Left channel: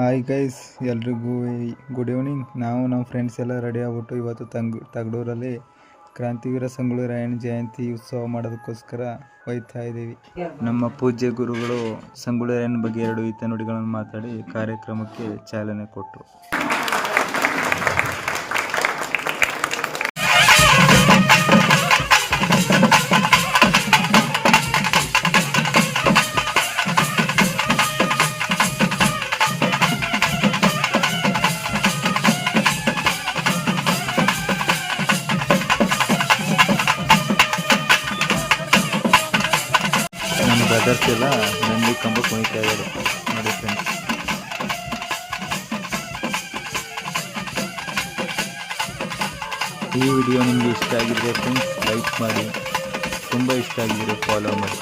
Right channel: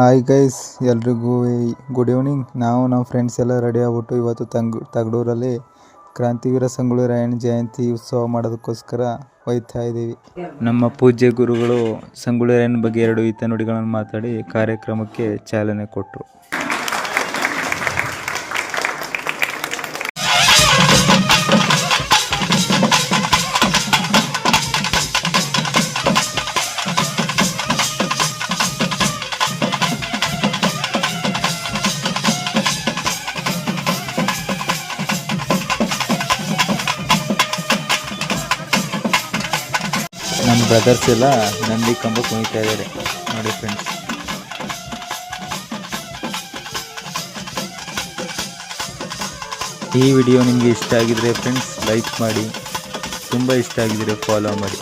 Hi guys, ಎಲ್ರಿಗೂ good evening. ನಾವು ನಮ್ಮ ಫ್ರೆಂಡ್ಸ್ ಎಲ್ಲ ರೆಡಿ ಆಗ್ಬಿಟ್ಟು ಇವತ್ತು ತಗಡೂರಲ್ಲಿ ಕ್ರಾಂತಿವೀರ ಸಂಗೊಳ್ಳಿ ರಾಯಣ್ಣ ಜಯಂತಿ ಉತ್ಸವ ಮಾಡೋದಕ್ಕೋಸ್ಕರ ಹೋಗ್ತಾ ಇದ್ದೀವಿ. ನಮ್ಮ ಪೂಜ್ಯ ಗುರುಗಳು ಸಂಗೊಳ್ಳಿ ರಾಯಣ್ಣ ಬಗ್ಗೆ 2 ಹಿತನುಡಿಗಳನ್ನು ಮಾತಾಡಿ ಕಾರ್ಯಕ್ರಮಕ್ಕೆ ಚಾಲನೆ ಕೊಟ್ಟರು. ನಮ್ಮ ಬ್ರದರ್ಸ್ ಎಲ್ಲ ನಂದಿ ಕಂಬ ಕುಣಿತಾ ಇದ್ದಾರೆ ನೋಡಿ ಫ್ರೆಂಡ್ಸ್. ಈ ವಿಡಿಯೋ ನಿಮಗೆ ಇಷ್ಟ ಆಗಿದ್ರೆ ಫ್ರೆಂಡ್ಸ್ ಲೈಕ್ ಮಾಡಿ, ತುಂಬ ಇಷ್ಟ ಆಗಿದ್ರೆ ಫಾಲೋ ಮಾಡಿ.